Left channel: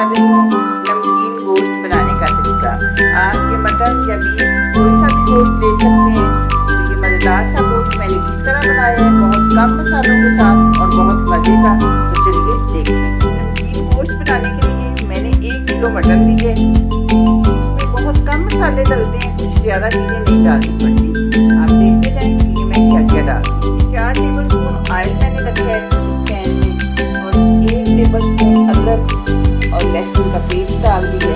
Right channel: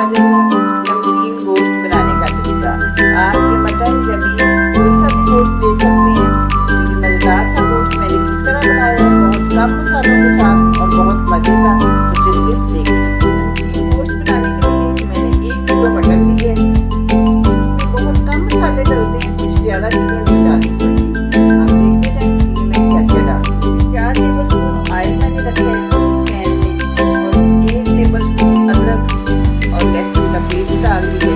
कर रही हूँ नमकीन गोश्त बनाने का तरीका। आप ये मटन या बीफ कोई सा भी गोश्त ले सकते हैं। तो ये मज़ेदार सा गोश्त मैंने किस तरह बनाया है, बहुत कम मसालों के साथ और बहुत मज़े का। तो चलिए देखते हैं। नमकीन गोश्त बनाने के लिए मैंने 1 किलो मटन लिए। इसमें बहुत कम मसाले डलते हैं, कुछ ज़्यादा चीज़ें नहीं डालनी पड़ती। आप देखते जाएँ कि मैं क्या क्या डालती हूँ। 4 टेबल स्पून ऑयल मैंने रखा है पैन में और 1 टेबल स्पून अदरक और लहसुन का पेस्ट डाल दिए।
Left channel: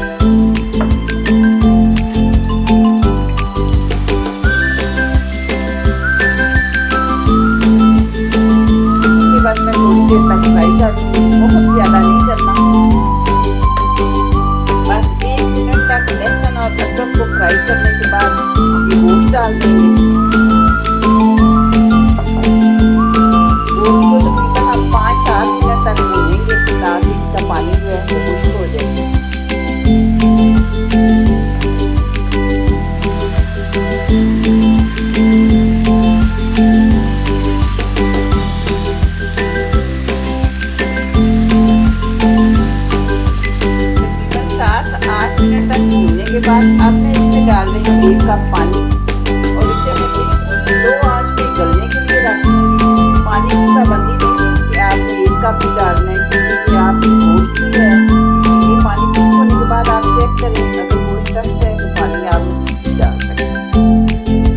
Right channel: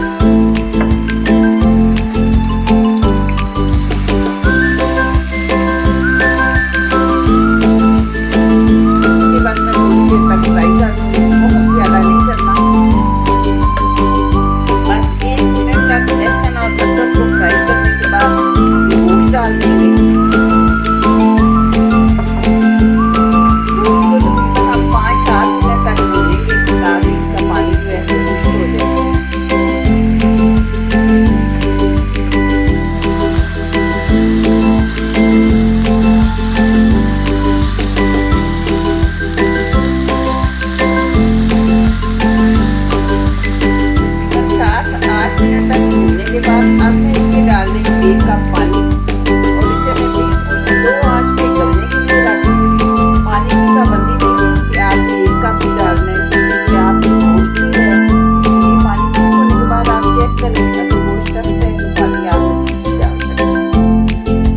इसके बाद मैं थोड़ी देर तक फ्राई कर दूँगी, बहुत ज़्यादा नहीं करना, बस 1 मिनट तक लहसुन और अदरक को फ्राई करने के बाद ये गोश्त डाल देंगे। के बाद अब मैं इसमें डाल देंगे 1 कप पानी और इसे मैं बिल्कुल लो आंच पे गलने के लिए रख दूँगी। पानी की पाबंदी नहीं है कि आपने 1 कप ही डालना है, क्योंकि आपकी गोश्त है। ये पानी ठीक होने के बाद आप चेक करें, अगर गोश्त सख्त है तो पानी आप मज़ीद भी डाल सकते हैं।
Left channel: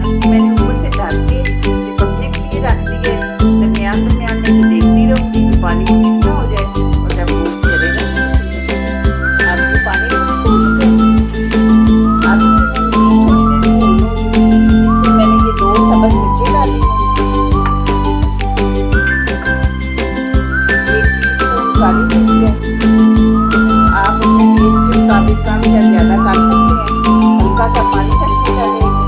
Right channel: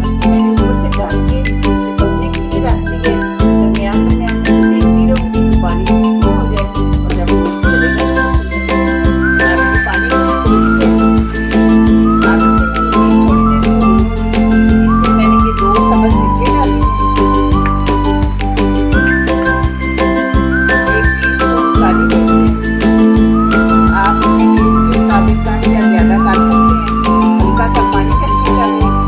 अब मैंने ऊपर से ढक के इसे पकने के लिए रख दिया है। दरमियान में इसे देखती रहूँगी कि पानी कुछ ना हो जाए और जब गोश्त चलेगा आपके पानी मिर्ची डाली, 1 टीस्पून काली मिर्च है। आप अपने टेस्ट के मुताबिक कम या ज़्यादा कर सकते हैं। हल्का सा पानी का छींटा देंगे।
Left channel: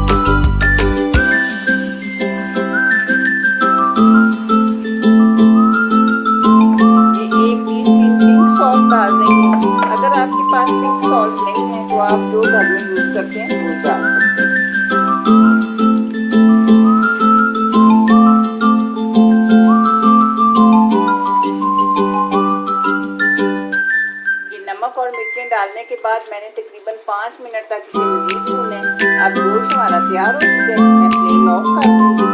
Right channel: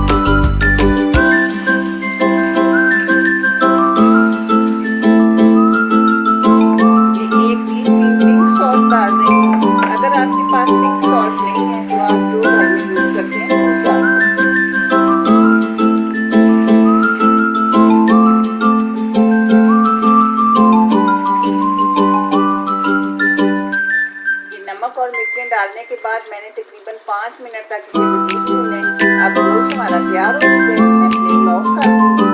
ये 1 टीस्पून पिंक सॉल्ट डाल रही हूँ। अगर आपके पास पिंक सॉल्ट नहीं है तो आप जो घर में यूज़ करते हैं वो डाल सकते हैं। नमक और मिर्चें डालने के बाद मैंने तकरीबन 5 मिनट तक इसे मज़ीद भूना है। अब गोश्त हमारा तैयार हो चुका है, मैं फ्लेम ऑफ कर दूँगी।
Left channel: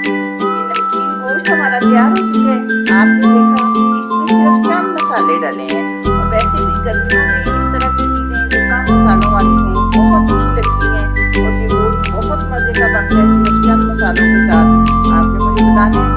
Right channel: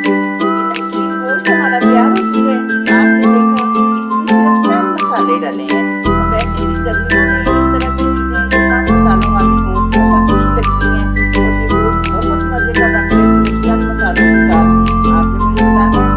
ये नमकीन गोश्त हमारा तैयार हो चुका है। आपने देखा इसमें सिर्फ चंद मसाले डले हैं और वैसे भी गर्मियों में इस तरह की चीज़ें जो कम मसालों वाली हों बहुत अच्छी लगती हैं और ये गोश्त बहुत मज़े का बनता है सिर्फ चंद मसालों के साथ। आपने मुझे बताना है